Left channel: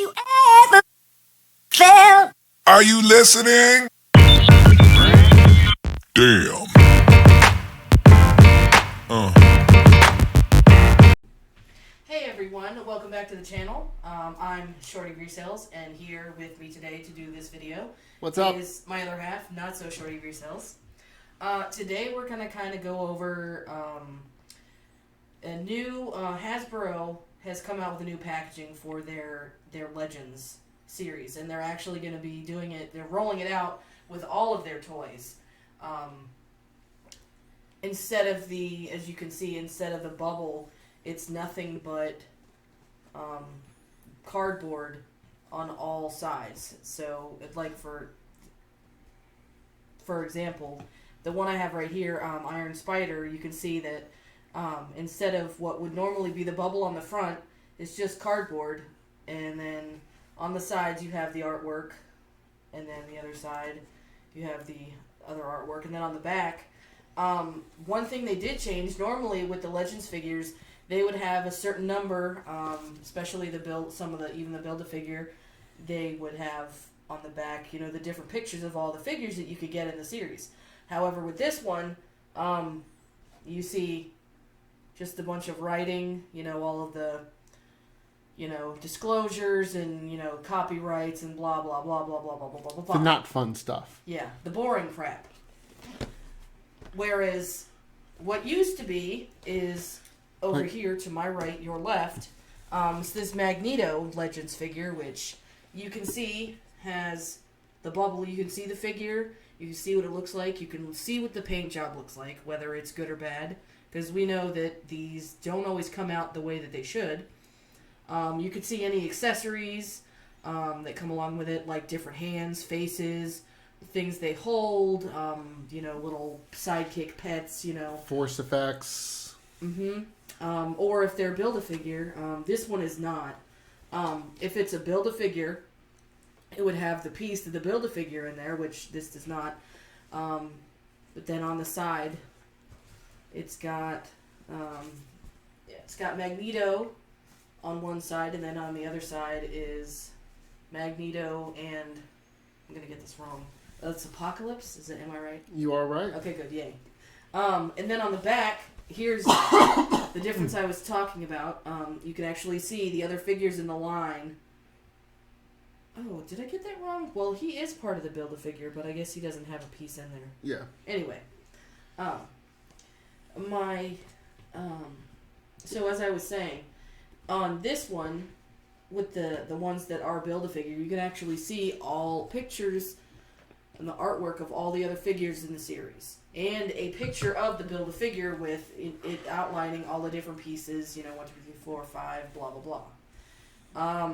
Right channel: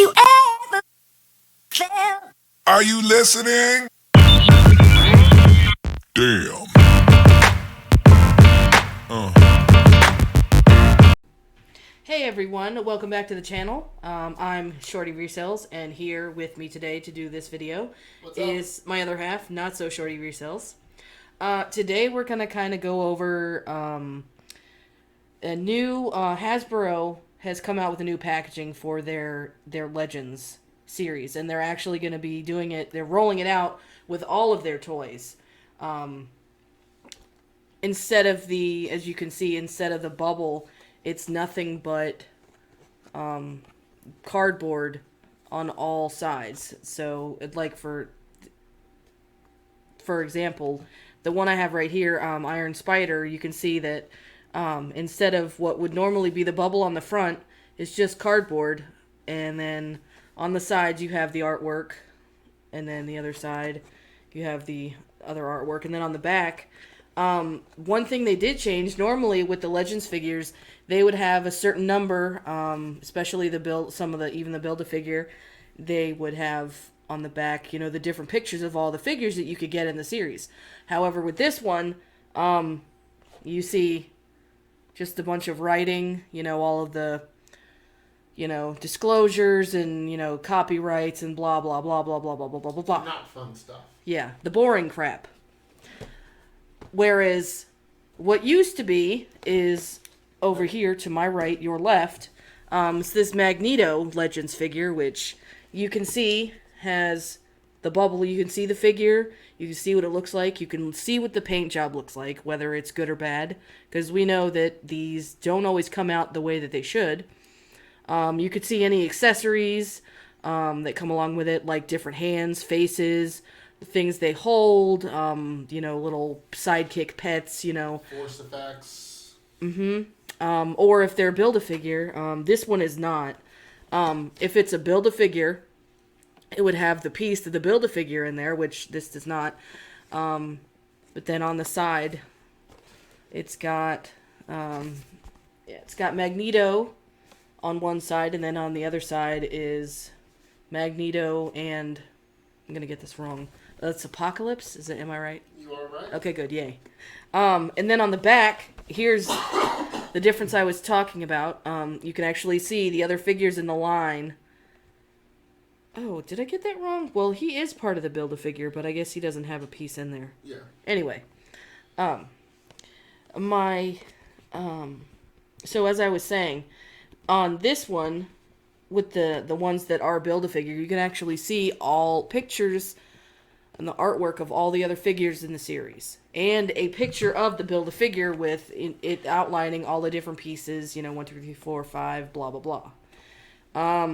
you ever felt. Are you listening? Damn. Hey everyone, welcome back to the channel. I'm Shorty Resells, and here with me today to do this video is my other half, not so Shorty Resells. Today we're gonna kind of go over a new Hasbro has come out with a new packaging for their Legends series, and they're actually going to be doing it. They're rolling it out with all of their toys. Instead of the, as you can see, instead of the bubble, it's nothing but cardboard on all sides. So, like for example, the one I have right here, Iron Spider, you can see that instead of what would normally be the bubble on the front, it's just cardboard, and then on the sides you have the artwork, and then the other side you have the other artwork, and then on the back, one thing they did change. Normally with the Legends figures, they would have a certain number, especially the Build-A-Figure, they would have on the back, the different pictures of all the figures that you could get in the series. However, with this one, you see just a bunch of writing, all of the, disclosures and, copyrights and blah, blah, blah, blah, blah, blah, blah, blah, blah. The not fun stuff. Yeah, the boring crap. Whereas what used to be is over here to my right, your left, it's this Magneto Legends figure, which you can see has the bubble. You can see the figure. You can see what it looks like. You can see what the paint job looks like, whether it's good or bad, because we know that these don't always come out the way that they should. You could see any accessories that come along with it, like different hands, faces, things they hold, little sidekick pets, Force effects. Or if they're Build-A-Figure, this one is not. If it's a Build-A-Figure, it would have the piece of the Build-A-Figure in there, which this does not. But then on the side, it's got Magneto on one side, and then on the other side is Magneto and, I'm gonna get this wrong. That's Apocalypse. Am I right? You are right. Okay, good. Yay. And then on the back, here's the difference I was talking about. You can actually see the other figures in the line. Oh, did I get that wrong? Well, he is part of the Build-A-Figure, but I guess he doesn't have a piece in there. Yeah. Anyway, so as I was saying, on this one, with the ones that are Build-A-Figure, you can actually see all pictures and the artwork of all the other figures in the series, and a picture of the Build-A-Figure with it outlining all the different pieces, 1, 2, 3, 4, 5, blah, blah, blah.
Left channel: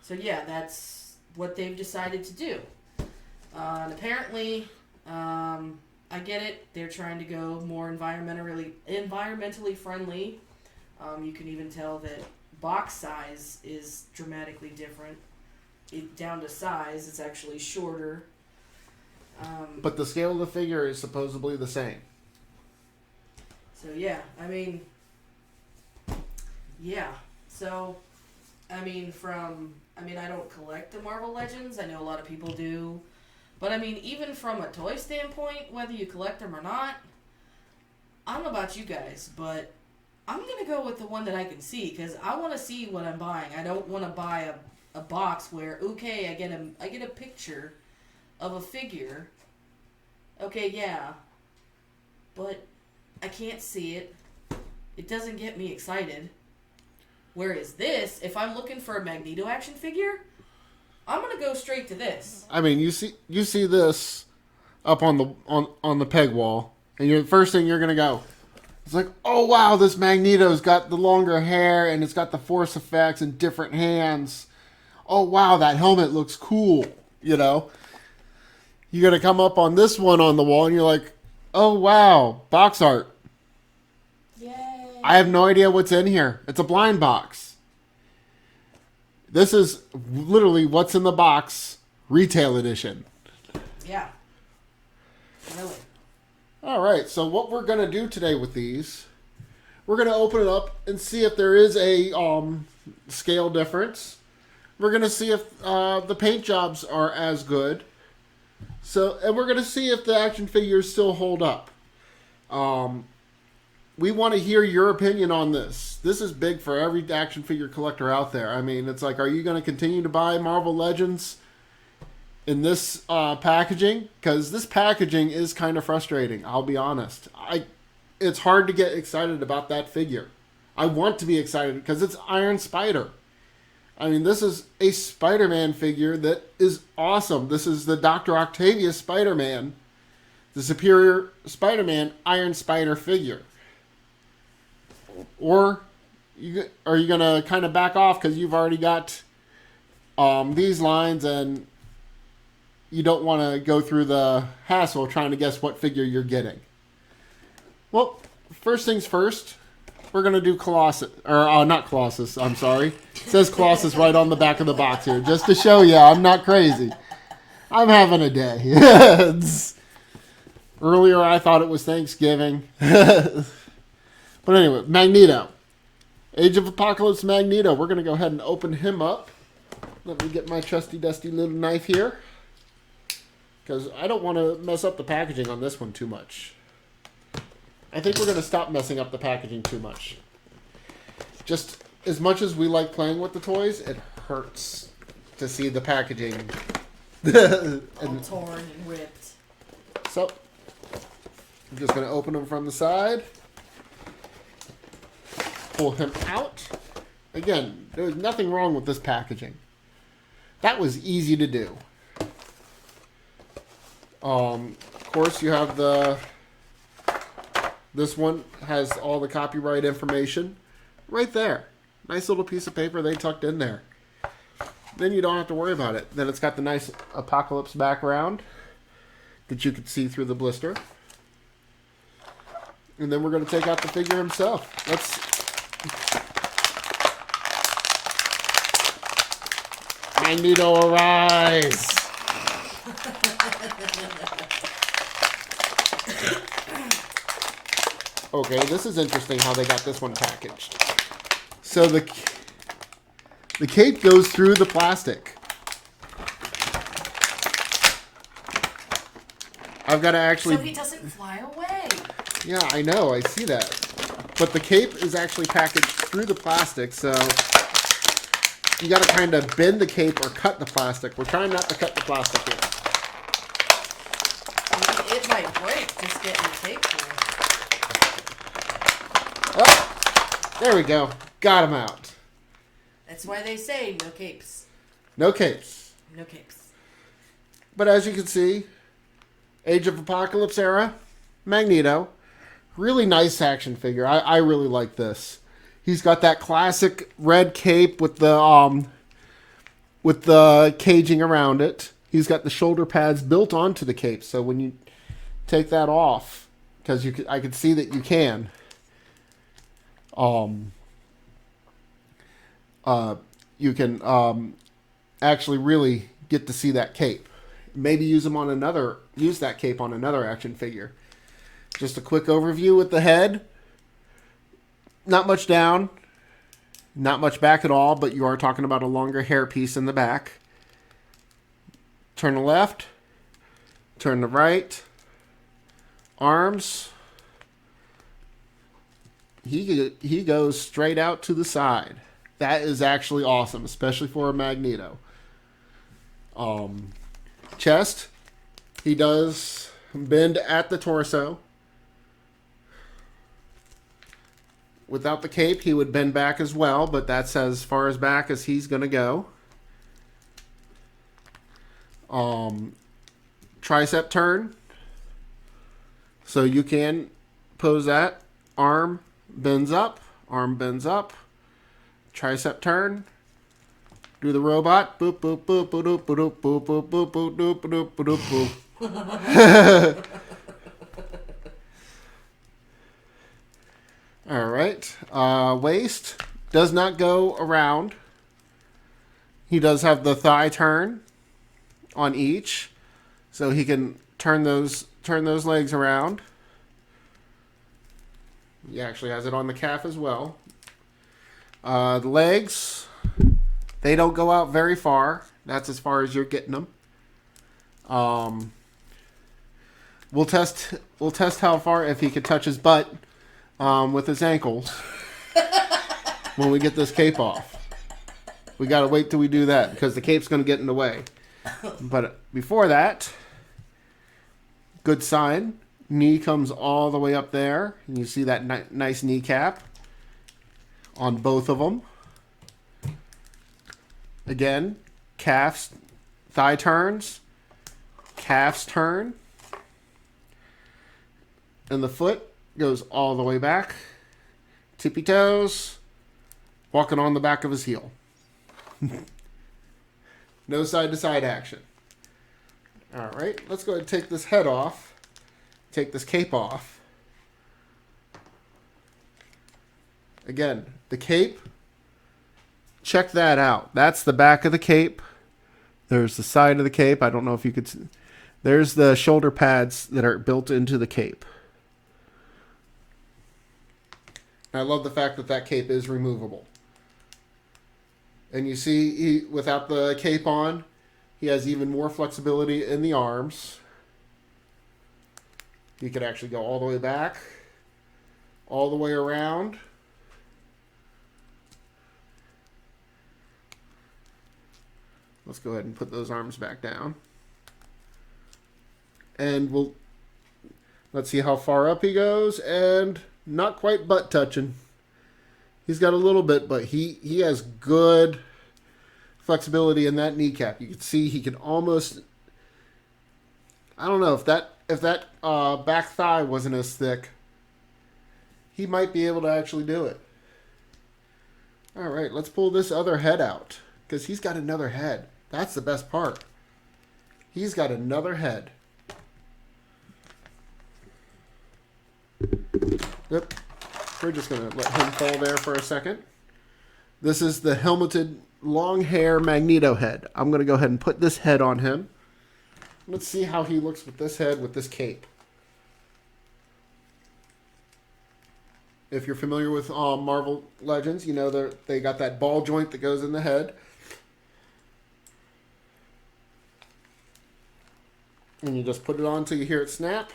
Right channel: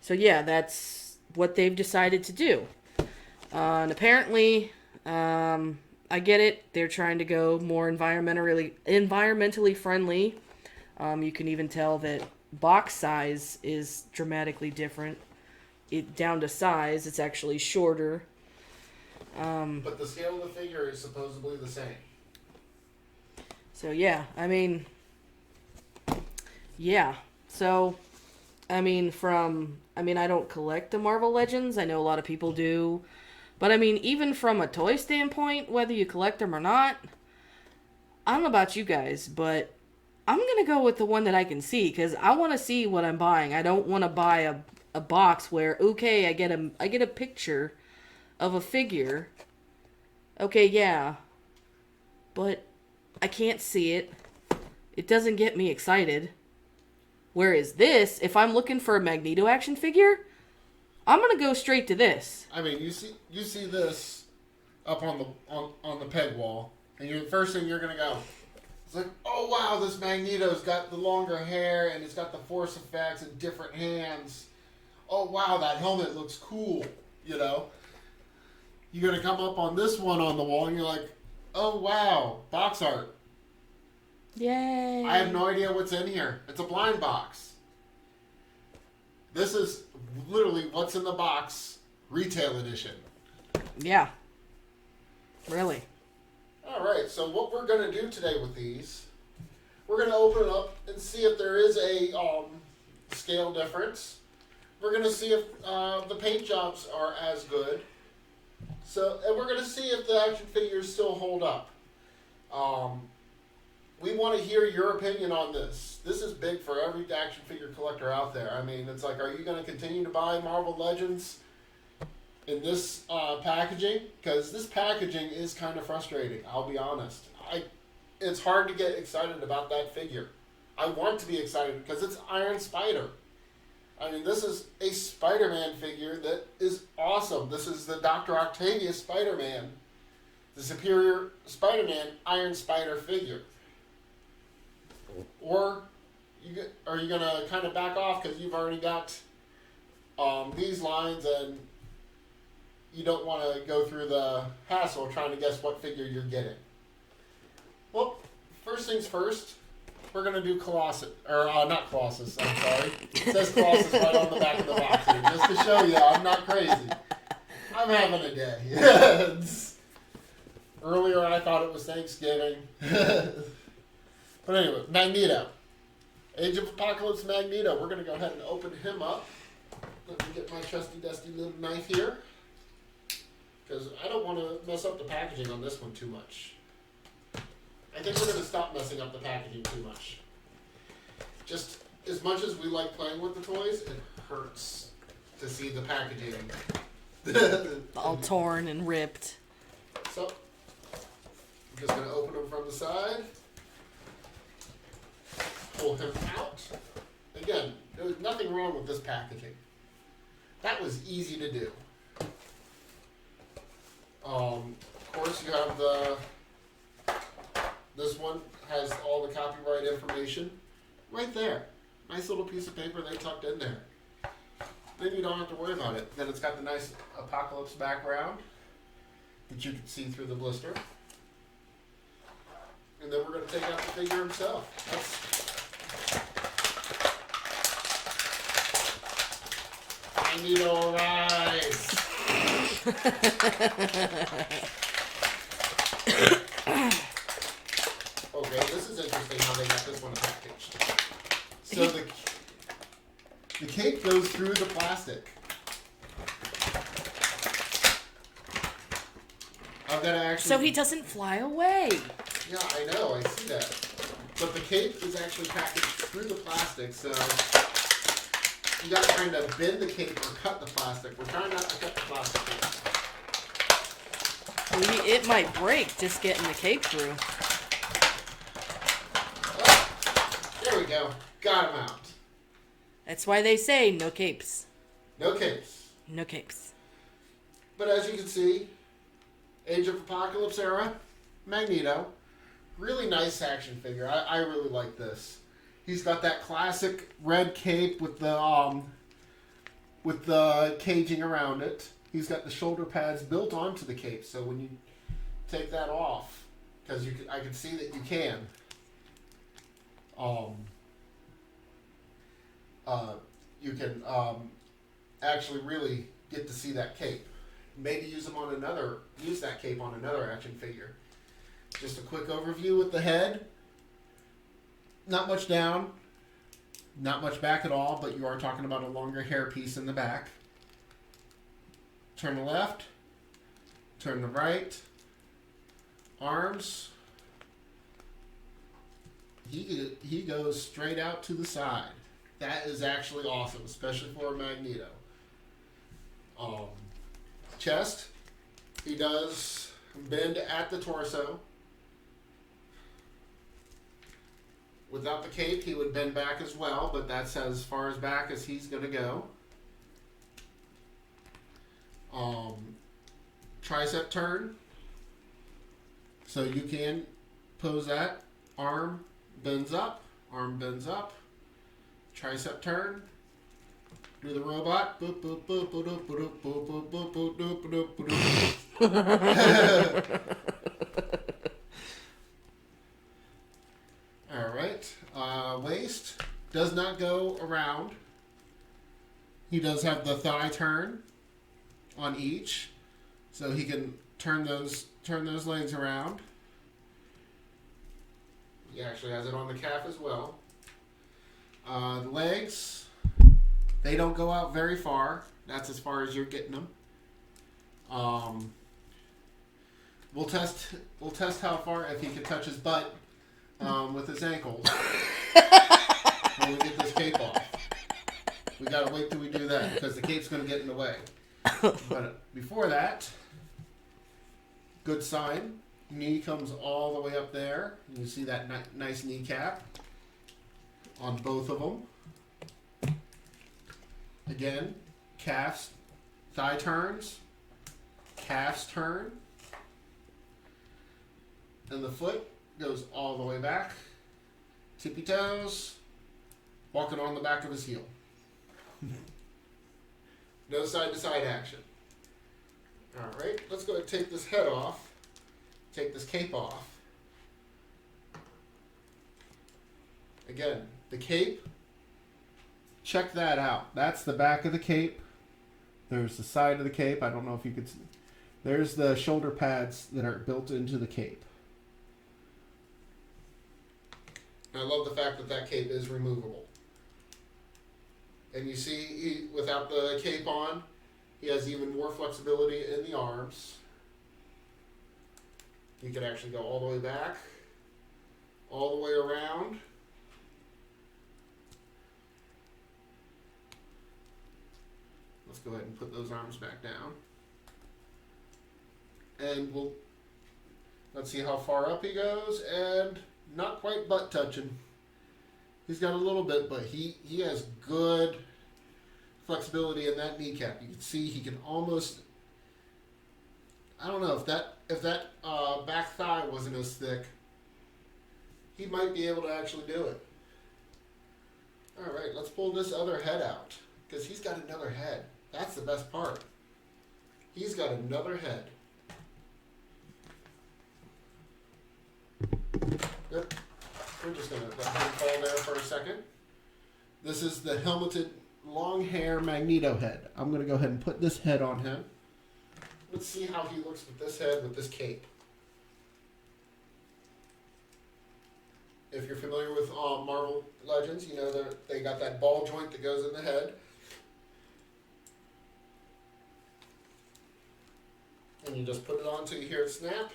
So yeah, that's what they've decided to do. And apparently, I get it, they're trying to go more environmentally friendly. You can even tell that box size is dramatically different. Down to size, it's actually shorter. But the scale of the figure is supposedly the same. So yeah, So, I don't collect the Marvel Legends. I know a lot of people do. But even from a toy standpoint, whether you collect them or not, I don't know about you guys, but I'm going to go with the one that I can see, because I want to see what I'm buying. I don't want to buy a box where, okay, I get a picture of a figure. Okay, yeah. But I can't see it. It doesn't get me excited. Whereas this, if I'm looking for a Magneto action figure, I'm going to go straight to this. You see this up on the peg wall, and the first thing you're going to go, it's like, oh wow, this Magneto's got the longer hair, and it's got the force effects and different hands. Oh wow, that helmet looks cool, You're going to come up on this one on the wall, and you're like, oh wow, box art. Yay. I have no idea what's in here. It's a blind box. This is literally what's in the box, retail edition. Yeah. Really. All right, so what we're going to do today with these, we're going to open it up and see if there is a scale difference. We're going to see if the paint jobs are as good. So, and we're going to see if the action figures still hold up. We want to hear your opinion on this. This is big for every action figure collector out there. I mean, it's like, are you going to continue to buy Marvel Legends in this packaging? Because this packaging is kind of frustrating, I'll be honest. It's hard to get excited about that figure. I want to be excited because it's Iron Spider. I mean, this is a Spider-Man figure that is awesome. This is the Dr. Octavius Spider-Man, the Superior Spider-Man Iron Spider figure. Or are you going to kind of back off because you've already got these lines and you don't want to go through the hassle trying to guess what figure you're getting? Well, first things first, we're going to do Colossus. Or, not Colossus, I'm sorry. It says Colossus right on the back of the box here, just to show you I'm not crazy. I'm having a day. Earlier I thought it was Thanksgiving. But anyway, Magneto. Age of Apocalypse Magneto. We're going to go ahead and open him up. Let me get my trusty dusty little knife here. Because I don't want to mess up the packaging on this one too much. I think we're going to stop messing up the packaging too much. Just as much as we like playing with the toys, it hurts to see the packaging. All torn and ripped. So, I'm just going to open him from the side. Pull him out. Again, there's nothing wrong with this packaging. That was easy to do. Of course, you have this one has all the copyright information right there. Nice little piece of paper they tucked in there. Then you don't have to worry about it. Then it's got the nice Apocalypse background that you can see through the blister. And then we're going to take out the figure himself. Magneto, arise! Okay, this is interesting how they got this one packaged. So the cape goes through the plastic. I've got to actually... So he doesn't fly away. Yeah, I know, I see that. But the cape is actually packaged through the plastic, so you got to kind of bend the cape or cut the plastic. We're trying not to cut the plastic here. Maybe it might break just getting the cape through. Oh, there we go. Got him out. That's why they say no capes. No capes. No capes. But as you can see, Age of Apocalypse era, Magneto. Really nice action figure. I really like this. He's got that classic red cape with the caging around it. He's got the shoulder pads built onto the cape, so when you take that off, because I can see that you can. You can actually really get to see that cape. Maybe use that cape on another action figure. Just a quick overview with the head. Not much down, not much back at all, but you are talking about a longer hair piece in the back. Turn to left, turn to right. Arms. He goes straight out to the side. That is actually awesome, especially for a Magneto. Chest. He does bend at the torso. Without the cape, he would bend back as well, but that's as far as back as he's going to go. Tricep turn. So you can pose that. Arm bends up. Arm bends up. Tricep turn. Do the robot. Boop, boop, boop, boop, boop, boop, boop, boop, boop, boop, boop, boop, boop, boop. All right. Waist does not go around. He does have the thigh turn on each, so he can turn those legs around. He actually has it on the calf as well. The legs, They don't go out very far. That's as far as you're getting them. We'll test how far if he could touch his butt with his ankles when we get this cape off. We gotta wait till we do that because the cape's gonna get in the way. But before that, good sign. Knee comes all the way up there, and you see that nice kneecap on both of them. Again, calves, thigh turns, calves turn, and the foot goes all the way back, tippy toes, walking on the back of his heel. No side-to-side action. All right, let's go ahead and take this head off. Take this cape off. Again, the cape, check that out. That's the back of the cape. There's the side of the cape. I don't know if you could see. There's the shoulder pads that are built into the cape. I love the fact that that cape is removable. And you see, without the cape on, he has even more flexibility in the arms. He could actually go all the way back, all the way around. Let's go ahead and put those arms back down. And let's see how far up he goes, and not quite butt touching. He's got a little bit, but he has good flexibility in that kneecap. You can see he can almost, I don't know if that back thigh wasn't as thick, he might be able to actually do it. All right, let's pull this other head out because he's got another head. That's the best part. He's got another head. Yep. We're just going to let him fall there for a second. This is the helmeted long hair Magneto head. I'm going to go ahead and put this head on him. Let's see how he looks with this head with this cape. If you're familiar with Marvel Legends, you know they got that ball joint that goes in the head. And you just put it on until you hear it snap.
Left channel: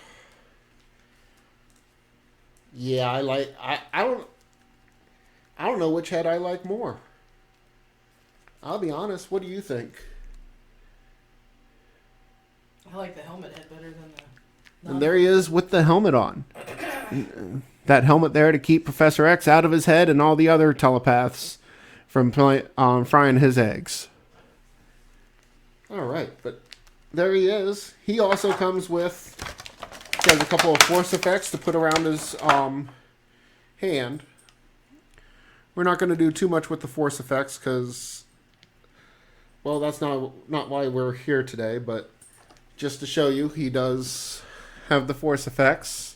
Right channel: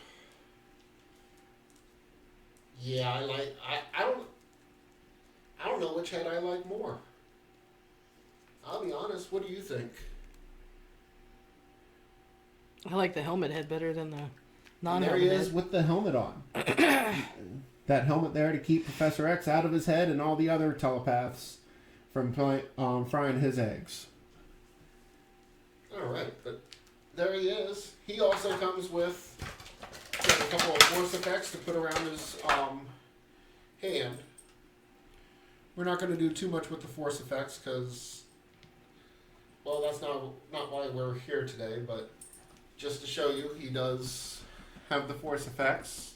Yeah, I don't know which head I like more. I'll be honest, what do you think? I like the helmet head better than the non-helmet. And there he is with the helmet on. That helmet there to keep Professor X out of his head and all the other telepaths from frying his eggs. All right, but there he is. He also comes with a couple of force effects to put around his hand. We're not going to do too much with the force effects because, well, that's not why we're here today, but just to show you, he does have the force effects.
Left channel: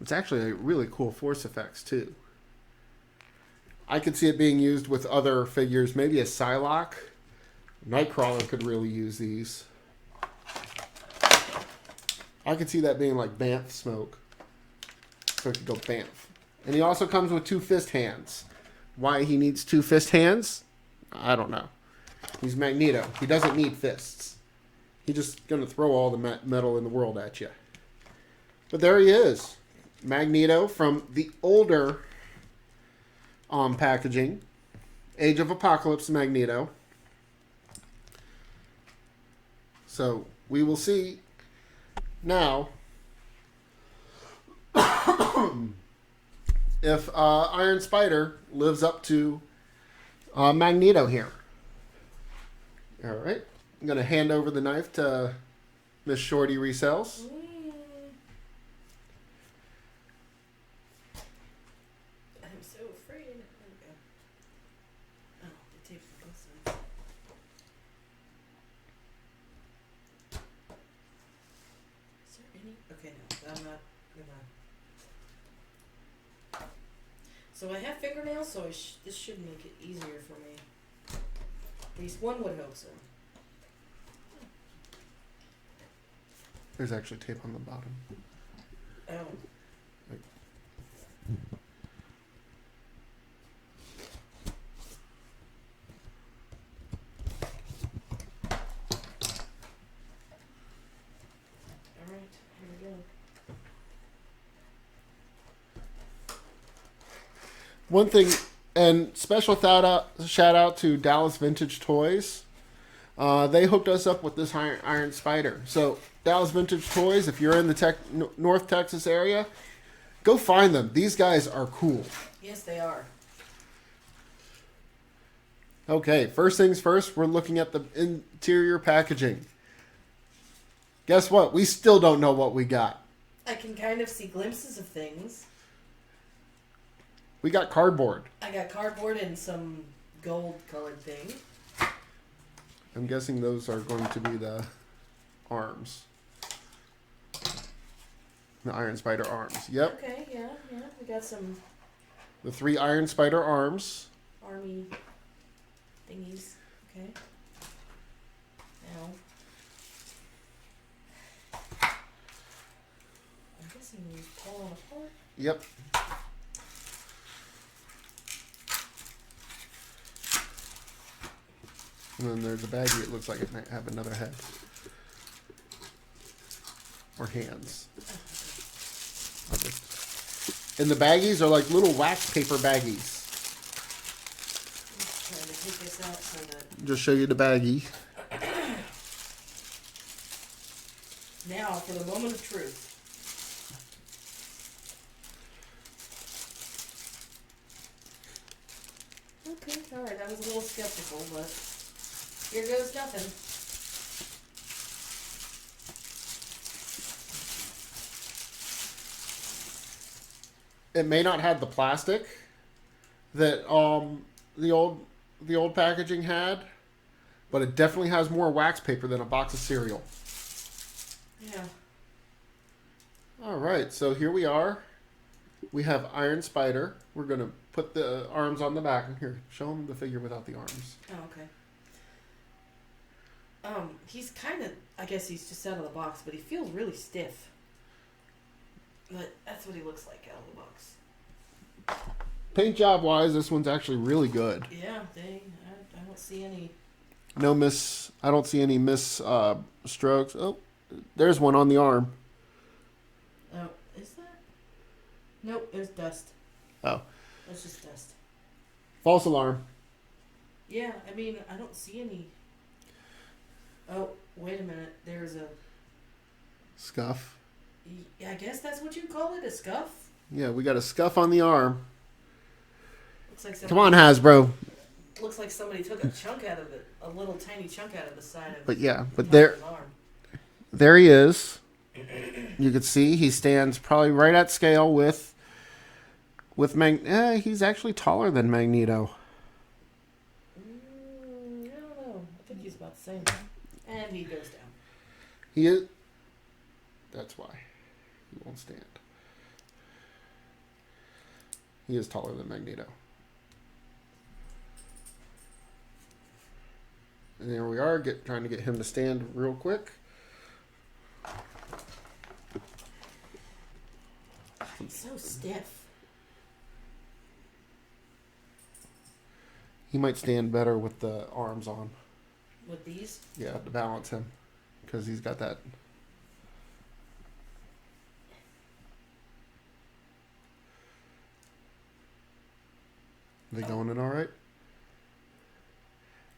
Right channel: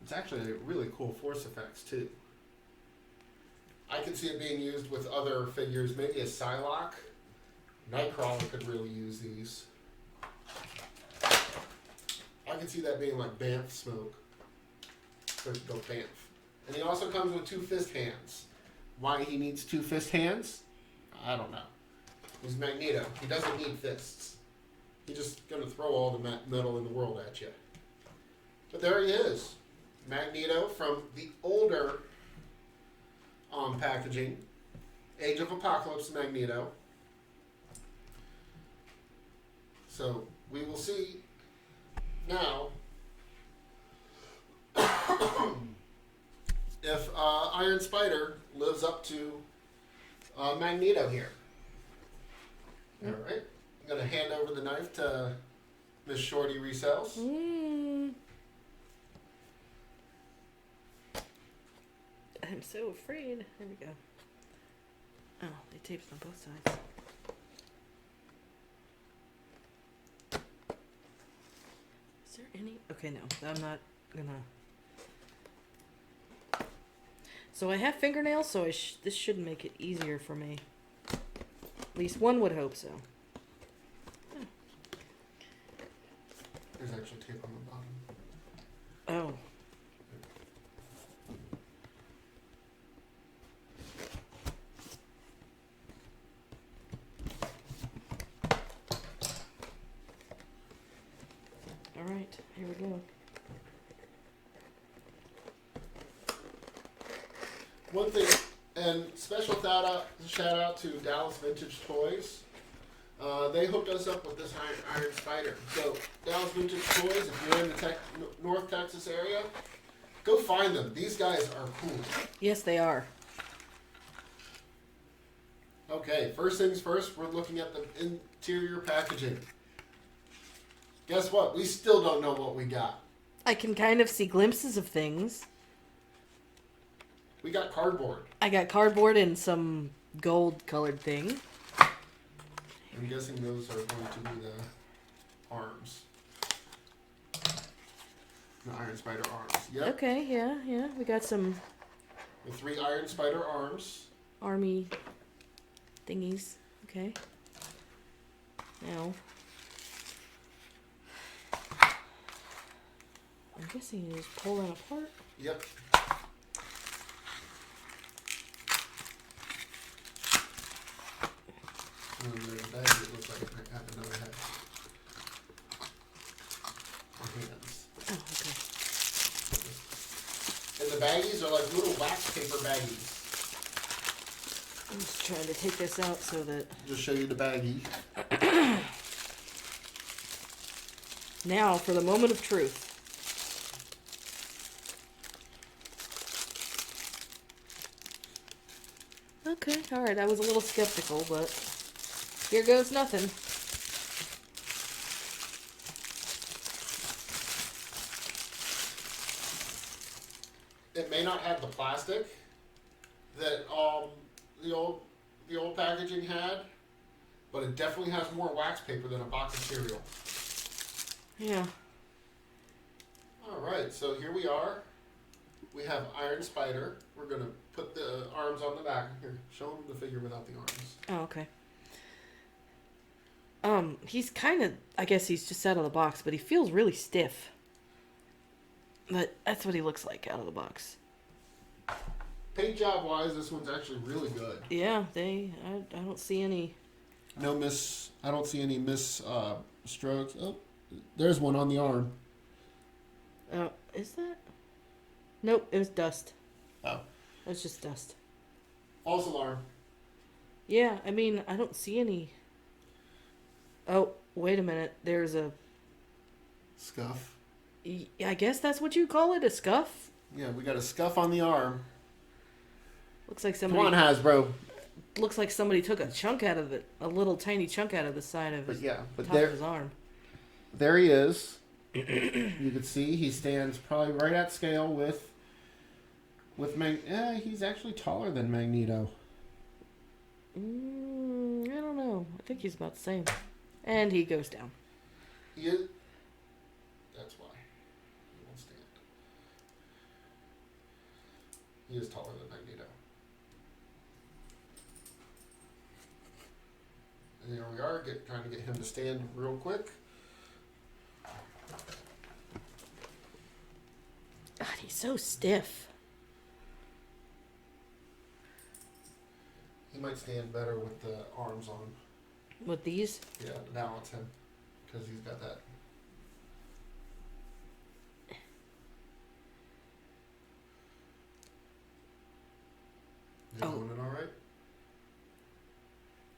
It's actually a really cool force effects, too. I could see it being used with other figures, maybe a Psylocke. Nightcrawler could really use these. I could see that being like Banff smoke. So it could go Banff. And he also comes with 2 fist hands. Why he needs 2 fist hands? I don't know. He's Magneto. He doesn't need fists. He's just going to throw all the metal in the world at you. But there he is. Magneto from the older packaging. Age of Apocalypse Magneto. So we will see now if Iron Spider lives up to Magneto here. All right. I'm going to hand over the knife to Miss Shorty Resells. I'm so afraid. There we go. Oh, they taped on both sides. Is there any? Okay, no. I'm not gonna. So I have fingernails, so this should make it easier for me. At least one would hope so. There's actually tape on the bottom. Oh. One thing, and special shout out to Dallas Vintage Toys. They hooked us up with this Iron Spider. So Dallas Vintage Toys, if you're in the North Texas area, go find them. These guys are cool. Yes, they are. Okay, first things first, we're looking at the interior packaging. Guess what? We still don't know what we got. I can kind of see glimpses of things. We got cardboard. I got cardboard and some gold-colored thing. I'm guessing those are going to be the arms. The Iron Spider arms. Yep. Okay, yeah. We got some The 3 Iron Spider arms. army thingies. Okay. Now, I'm guessing you just pull it apart. Yep. And then there's a baggie. It looks like it might have another head. Or hands. Oh, okay. And the baggies are like little wax paper baggies. I'm just trying to take this out so that... Just show you the baggie. Now, for the moment of truth. Okay, alright, I was a little skeptical, but here goes nothing. It may not have the plastic that the old packaging had, but it definitely has more wax paper than a box of cereal. Yeah. All right, so here we are. We have Iron Spider. We're gonna put the arms on the back. Here, show them the figure without the arms. Oh, okay. He's kind of, I guess he's just out of the box, but he feels really stiff. But that's what he looks like out of the box. Paint job wise, this one's actually really good. Yeah, I don't see any. No miss. I don't see any miss strokes. Oh, there's one on the arm. Oh, is that? Nope, it was dust. Oh, It's just dust. false alarm. Yeah, I mean, I don't see any. Oh, wait a minute. There's a. Scuff. I guess that's what you call it, a scuff. Yeah, we got a scuff on the arm. Looks like Come somebody. on, Hasbro. Looks like somebody took a chunk out of it, a little tiny chunk out of the side of. But yeah, but top there, of his arm. there he is. You can see he stands probably right at scale with he's actually taller than Magneto. I don't know. I think he's about the same. And he goes down. He is. That's why he won't stand. He is taller than Magneto. And there we are, trying to get him to stand real quick. God, he's so stiff. He might stand better with the arms on. With these? Yeah, to balance him. Because he's got that. They going in all right?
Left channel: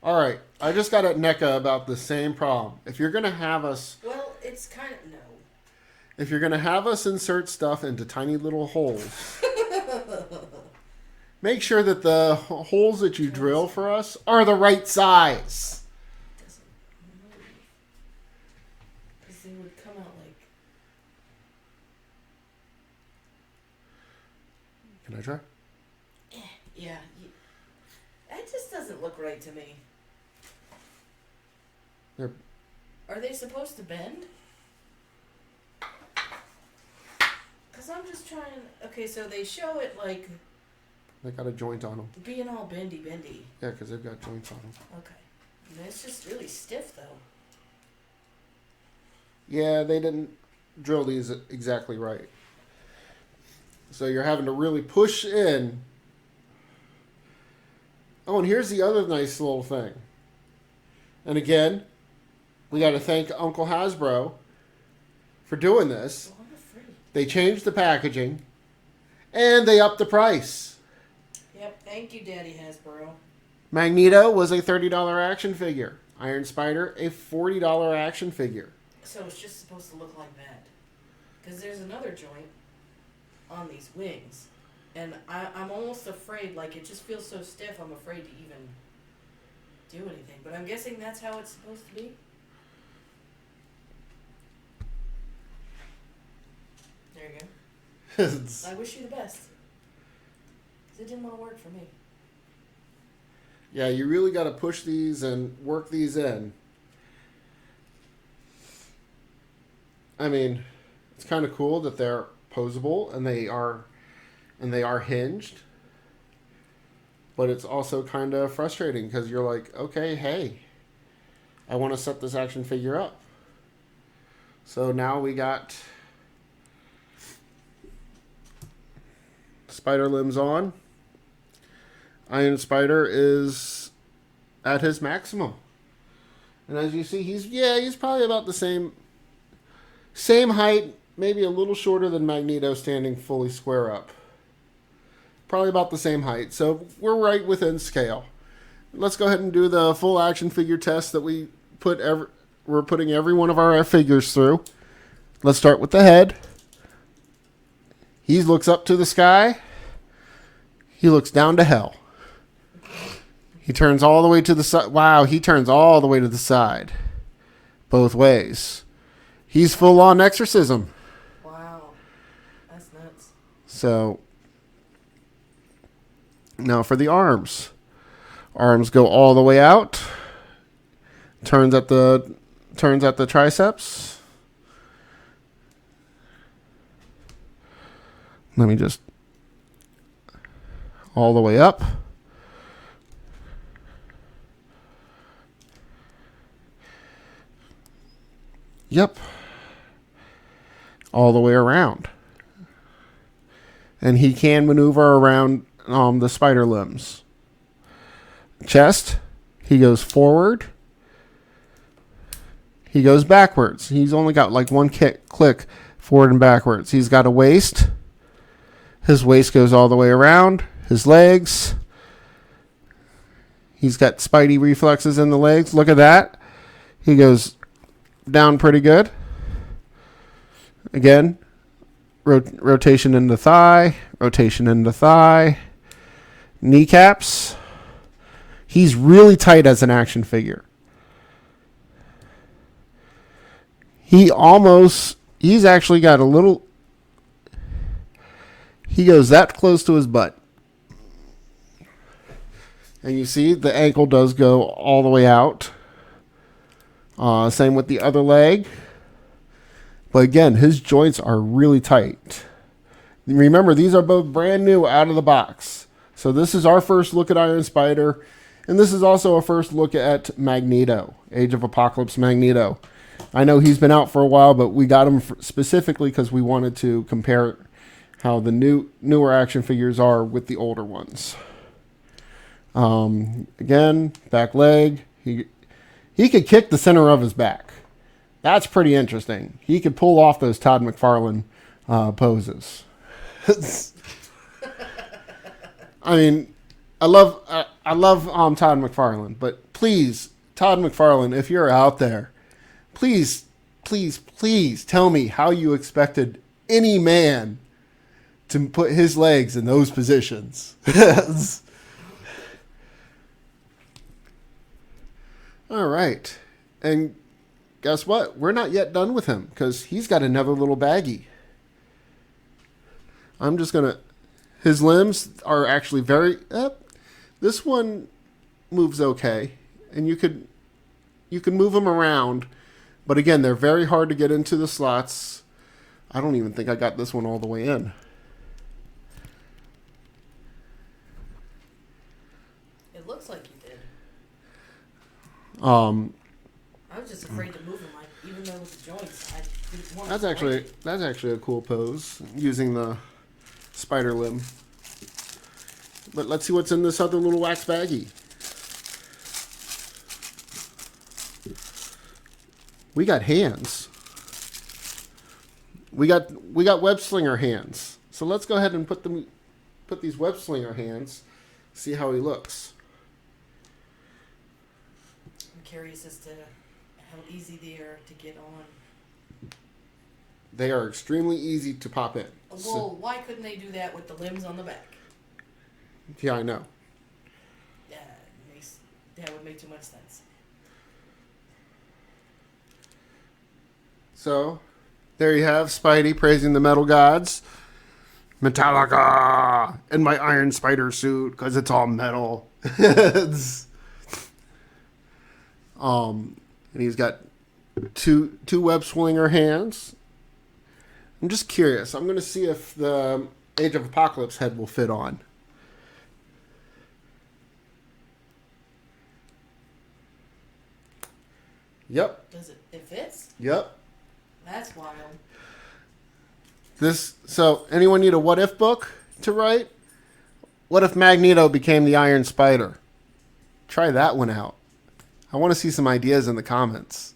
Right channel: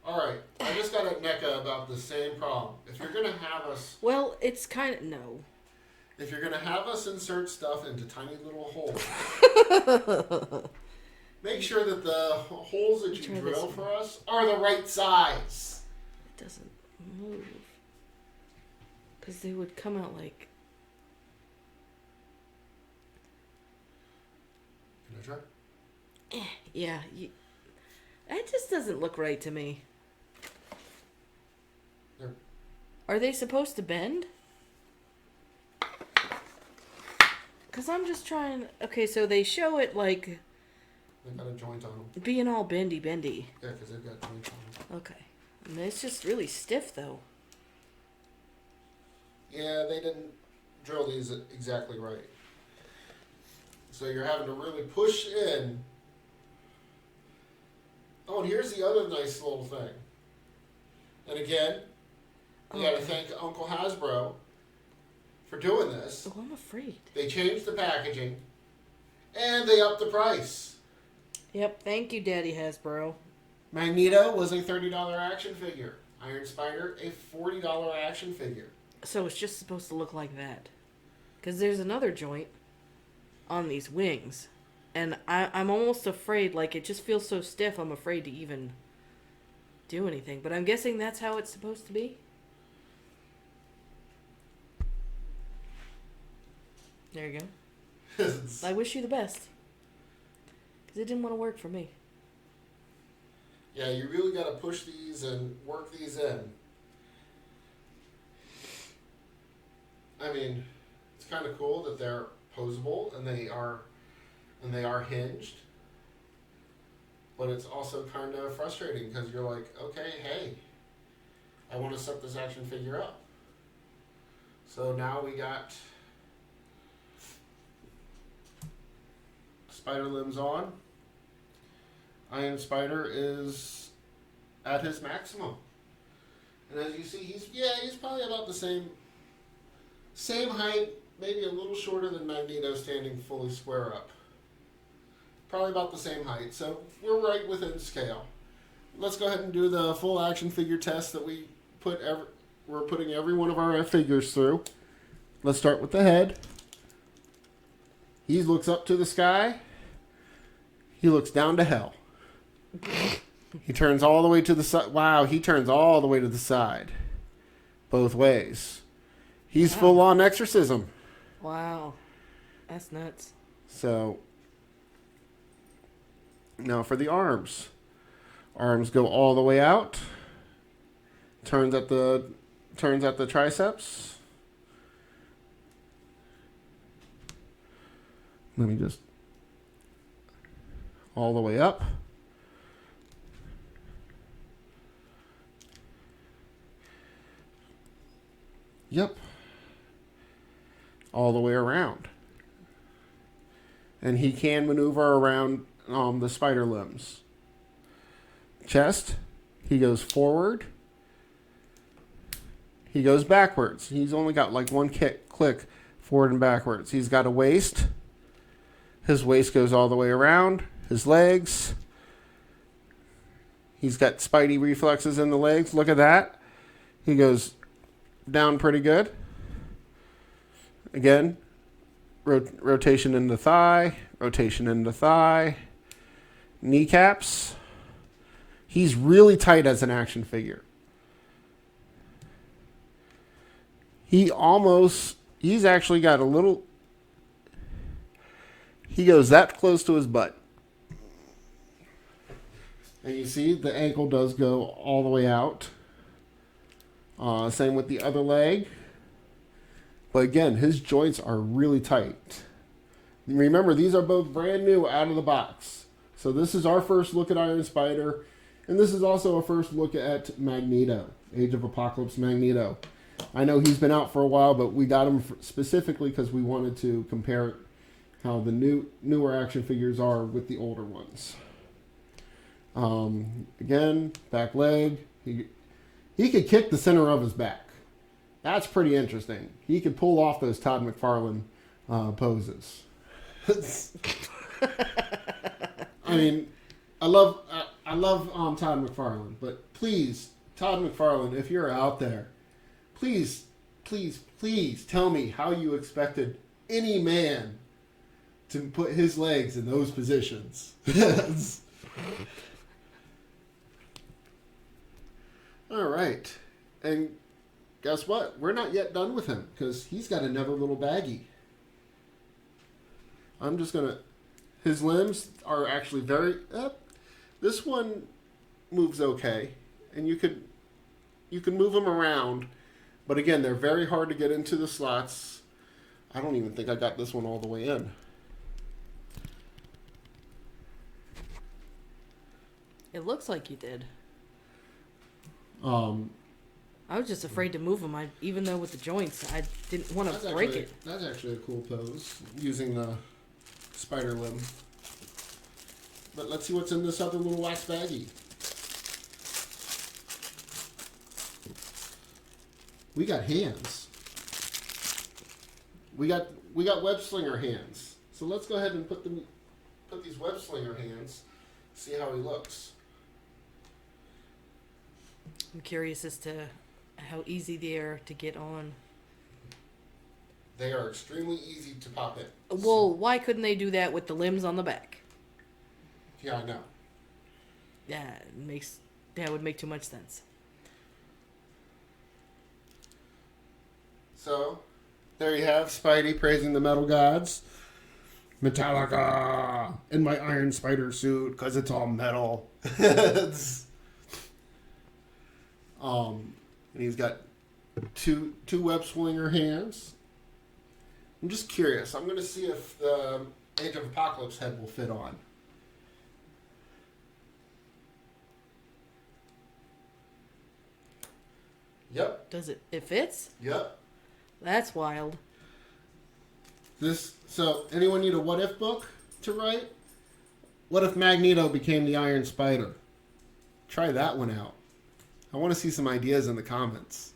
All right. I just got at NECA about the same problem. If you're going to have us... Well, it's kind of... No. If you're going to have us insert stuff into tiny little holes... make sure that the holes that you drill for us are the right size. It doesn't move. Because they would come out like... Can I try? Yeah. That just doesn't look right to me. They're... Are they supposed to bend? Because I'm just trying... Okay, so they show it like... They got a joint on them. being all bendy. Yeah, because they've got joints on them. Okay. And it's just really stiff, though. Yeah, they didn't drill these exactly right. So you're having to really push in. Oh, and here's the other nice little thing. And again, we got to thank Uncle Hasbro for doing this. Oh, I'm afraid. They changed the packaging, and they upped the price. Yep, thank you, Daddy Hasbro. Magneto was a $30 action figure. Iron Spider, a $40 action figure. So it's just supposed to look like that. Because there's another joint on these wings. And I'm almost afraid, like, it just feels so stiff, I'm afraid to even do anything. But I'm guessing that's how it's supposed to be? There you go. I wish you the best. Because it didn't want to work for me. Yeah, you really got to push these and work these in. I mean, it's kind of cool that they're posable and they are hinged. But it's also kind of frustrating because you're like, okay, hey, I want to set this action figure up. So now we got spider limbs on. Iron Spider is at his maximum. And as you see, he's probably about the same height, maybe a little shorter than Magneto standing fully square up. Probably about the same height. So we're right within scale. Let's go ahead and do the full action figure test that we're putting every one of our figures through. Let's start with the head. He looks up to the sky. He looks down to hell. He turns all the way to the side. Wow, he turns all the way to the side. Both ways. He's full on exorcism. Wow. That's nuts. So, now for the arms. Arms go all the way out. Turns at the triceps. Let me just all the way up. Yep. All the way around. And he can maneuver around the spider limbs. Chest, he goes forward. He goes backwards. He's only got like one click forward and backwards. He's got a waist. His waist goes all the way around. His legs. He's got spidey reflexes in the legs. Look at that. He goes down pretty good. Again, rotation in the thigh. Rotation in the thigh. Kneecaps. He's really tight as an action figure. He's actually got a little, he goes that close to his butt. And you see the ankle does go all the way out. Same with the other leg. But again, his joints are really tight. Remember, these are both brand new out of the box. So this is our first look at Iron Spider. And this is also a first look at Magneto, Age of Apocalypse Magneto. I know he's been out for a while, but we got him specifically because we wanted to compare how the newer action figures are with the older ones. Again, back leg. He could kick the center of his back. That's pretty interesting. He could pull off those Todd McFarlane poses. I mean, I love Todd McFarlane, but please, Todd McFarlane, if you're out there, please tell me how you expected any man to put his legs in those positions. All right. And guess what? We're not yet done with him because he's got another little baggie. I'm just going to... His limbs are actually very... this one moves okay. And you can move them around. But again, they're very hard to get into the slots. I don't even think I got this one all the way in. It looks like you did. I I was just afraid to move them. Even though with the joints, I didn't want to break it. That's actually a cool pose, using the spider limb. But let's see what's in this other little wax baggie. We got hands. We got web slinger hands. So let's go ahead and put these web slinger hands see how he looks. I'm curious as to how easy they are to get on. They are extremely easy to pop in. Well, why couldn't they do that with the limbs on the back? Yeah, I know. That would make too much sense. So, there you have Spidey praising the metal gods. Metallica! And my Iron Spider suit, because it's all metal. And he's got two web swinger hands. I'm just curious. I'm going to see if the Age of Apocalypse head will fit on. Yep. Does it? It fits? Yep. That's wild. So, anyone need a what if book to write? What if Magneto became the Iron Spider? Try that one out. I want to see some ideas in the comments.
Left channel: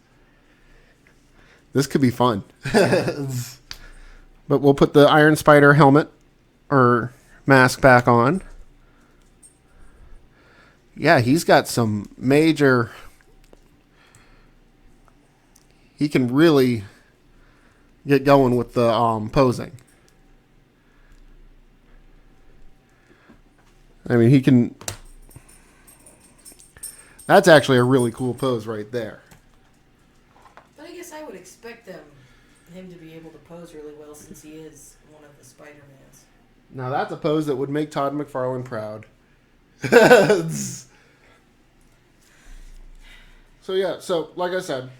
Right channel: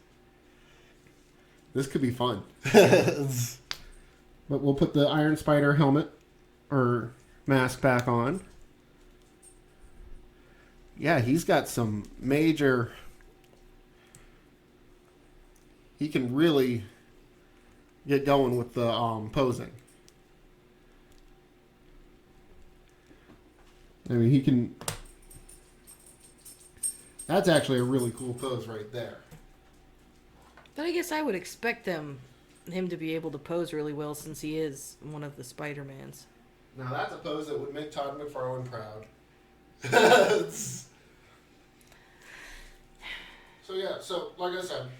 This could be fun. But we'll put the Iron Spider helmet or mask back on. Yeah, he's got some major... He can really get going with the posing. I mean, he can... That's actually a really cool pose right there. But I guess I would expect him to be able to pose really well since he is one of the Spider-Mans. Now that's a pose that would make Todd McFarlane proud. So like I said,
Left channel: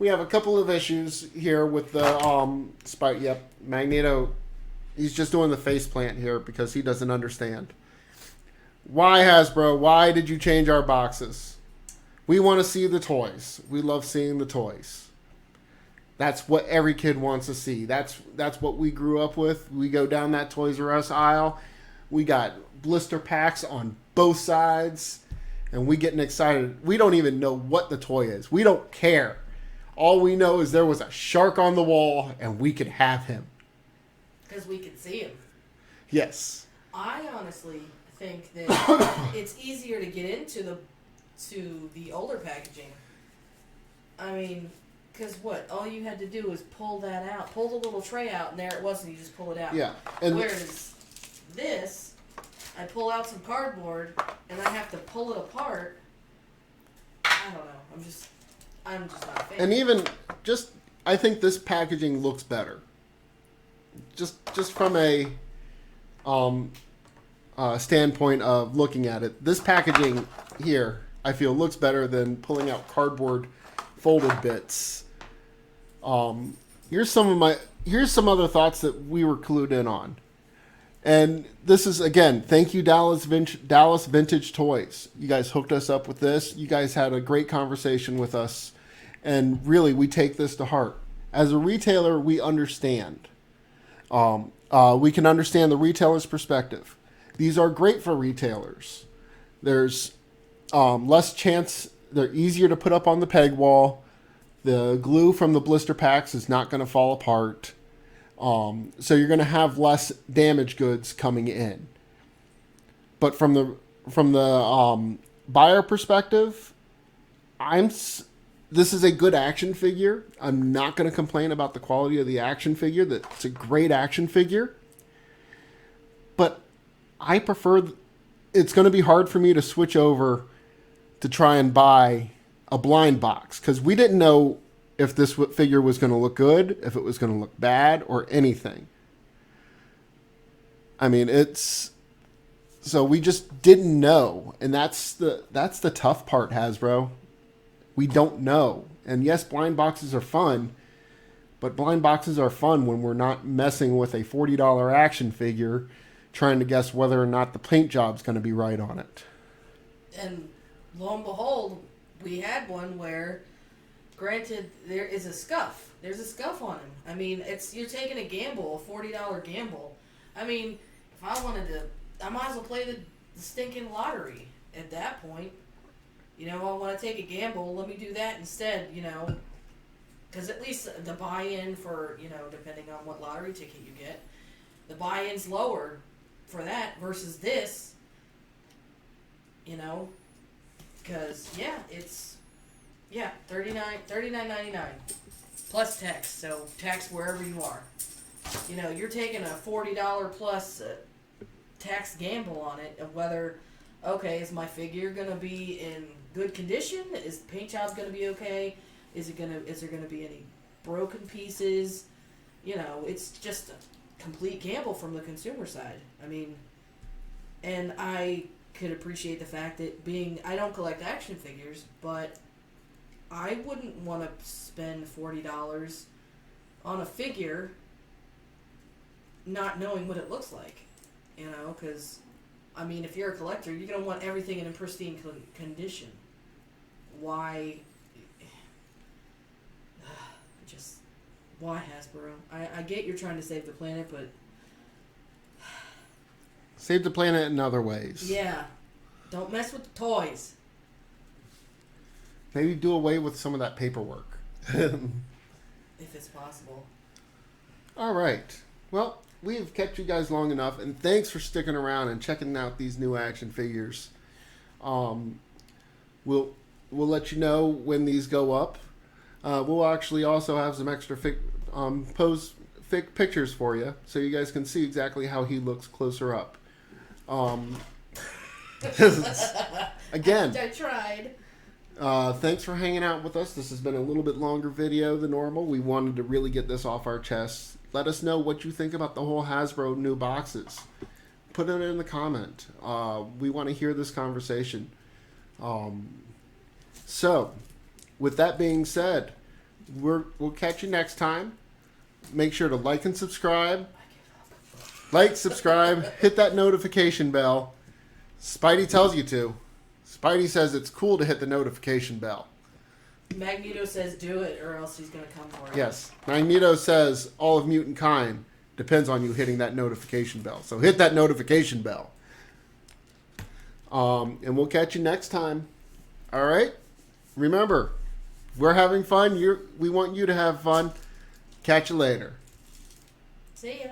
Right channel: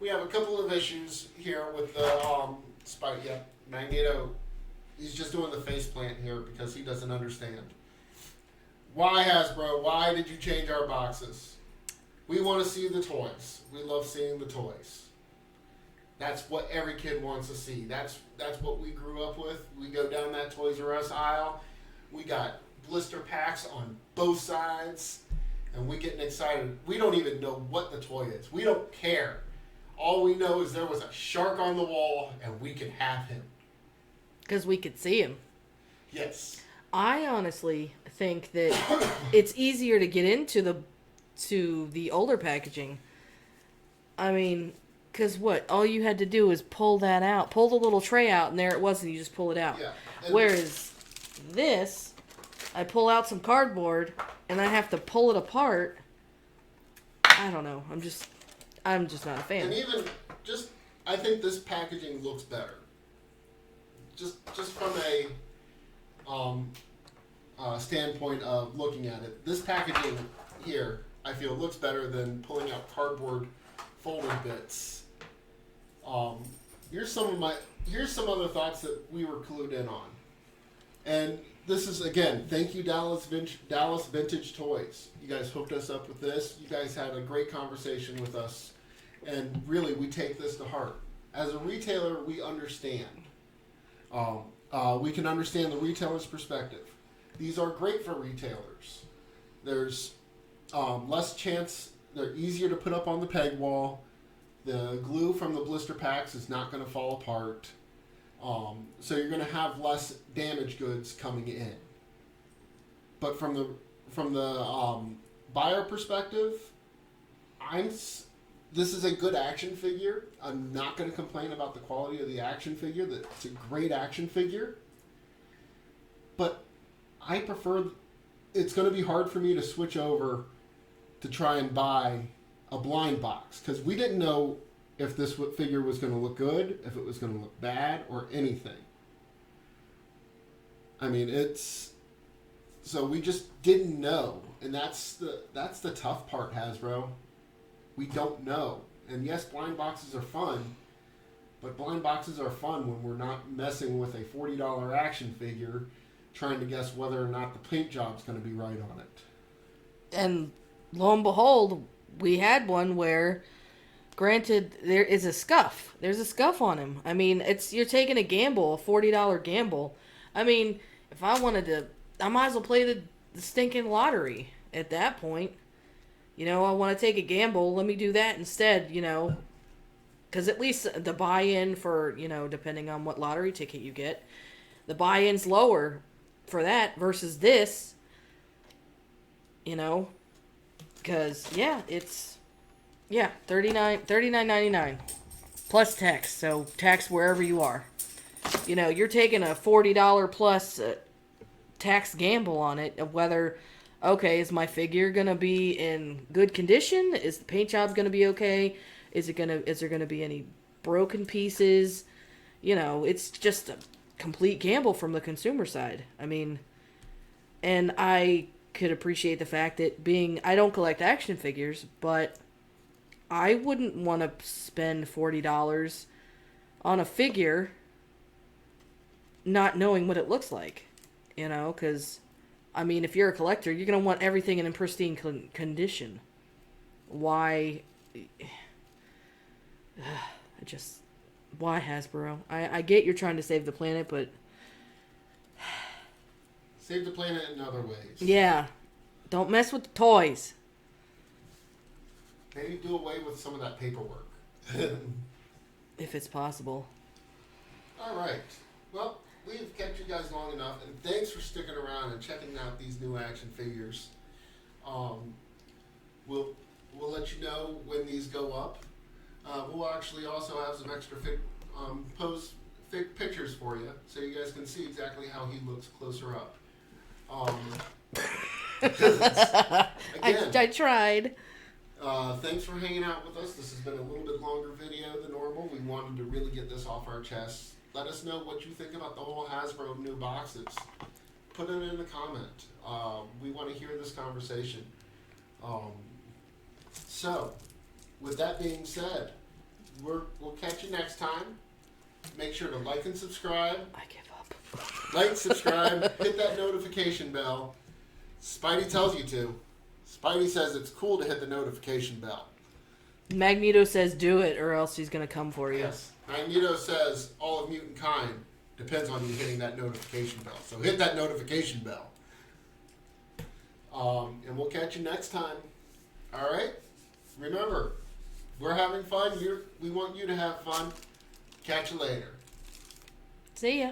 we have a couple of issues here with the Magneto. He's just doing the face plant here because he doesn't understand. Why, Hasbro? Why did you change our boxes? We want to see the toys. We love seeing the toys. That's what every kid wants to see. That's what we grew up with. We go down that Toys R Us aisle. We got blister packs on both sides. And we getting excited. We don't even know what the toy is. We don't care. All we know is there was a shark on the wall and we could have him. Because we could see him. Yes. I honestly think that it's easier to get into the older packaging. I mean, because what? All you had to do is pull that out. Pull the little tray out, and there it was, and you just pull it out. Yeah. Whereas this, I pull out some cardboard, and I have to pull it apart. I don't know. I'm just not a fan. And even I think this packaging looks better. Just from a standpoint of looking at it, this packaging here, I feel looks better than pulling out cardboard folded bits. Here's some other thoughts that we were clued in on. And this is, again, thank you, Dallas Vintage Toys. You guys hooked us up with this. You guys had a great conversation with us. And really, we take this to heart. As a retailer, we understand. We can understand the retailer's perspective. These are great for retailers. There's less chance. They're easier to put up on the peg wall. The glue from the blister packs is not going to fall apart. So you're going to have less damaged goods coming in. But from the buyer perspective, this is a good action figure. I'm not going to complain about the quality of the action figure. It's a great action figure. But I prefer... It's going to be hard for me to switch over to try and buy a blind box. Because we didn't know if this figure was going to look good, if it was going to look bad, or anything. I mean, so we just didn't know. And that's the tough part, Hasbro. We don't know. And yes, blind boxes are fun, but blind boxes are fun when we're not messing with a $40 action figure trying to guess whether or not the paint job's going to be right on it. And lo and behold, we had one where, granted, there is a scuff. There's a scuff on him. I mean, you're taking a gamble, a $40 gamble. I mean, if I wanted to, I might as well play the stinking lottery at that point. You know, I want to take a gamble. Let me do that instead, you know. Because at least the buy-in for, you know, depending on what lottery ticket you get, the buy-in's lower for that versus this. You know, because it's $39.99 plus tax. So tax wherever you are. You know, you're taking a $40 plus tax gamble on it of whether, okay, is my figure gonna be in good condition? Is the paint job gonna be okay? Is there gonna be any broken pieces? You know, it's just a complete gamble from the consumer side. I mean, and I could appreciate the fact that I don't collect action figures, but I wouldn't want to spend $40 on a figure not knowing what it looks like, you know, because, I mean, if you're a collector, you're going to want everything in pristine condition. Why Hasbro? I get you're trying to save the planet, but Save the planet in other ways. yeah, don't mess with the toys. Maybe do away with some of that paperwork. If it's possible. All right. Well, we have kept you guys long enough, and thanks for sticking around and checking out these new action figures. We'll let you know when these go up. We'll actually also have some extra pictures for you, so you guys can see exactly how he looks closer up. Again, I tried. thanks for hanging out with us. This has been a little bit longer video than normal. We wanted to really get this off our chests. Let us know what you think about the whole Hasbro new boxes. Put it in the comment. We want to hear this conversation. So, with that being said, we'll catch you next time. Make sure to like and subscribe. I give up. Like, subscribe, hit that notification bell. Spidey tells you to. Spidey says it's cool to hit the notification bell. Magneto says do it or else he's going to come for you. Yes. Magneto says all of mutant kind depends on you hitting that notification bell. So hit that notification bell. And we'll catch you next time. All right? Remember, we're having fun. We want you to have fun. Catch you later. See ya.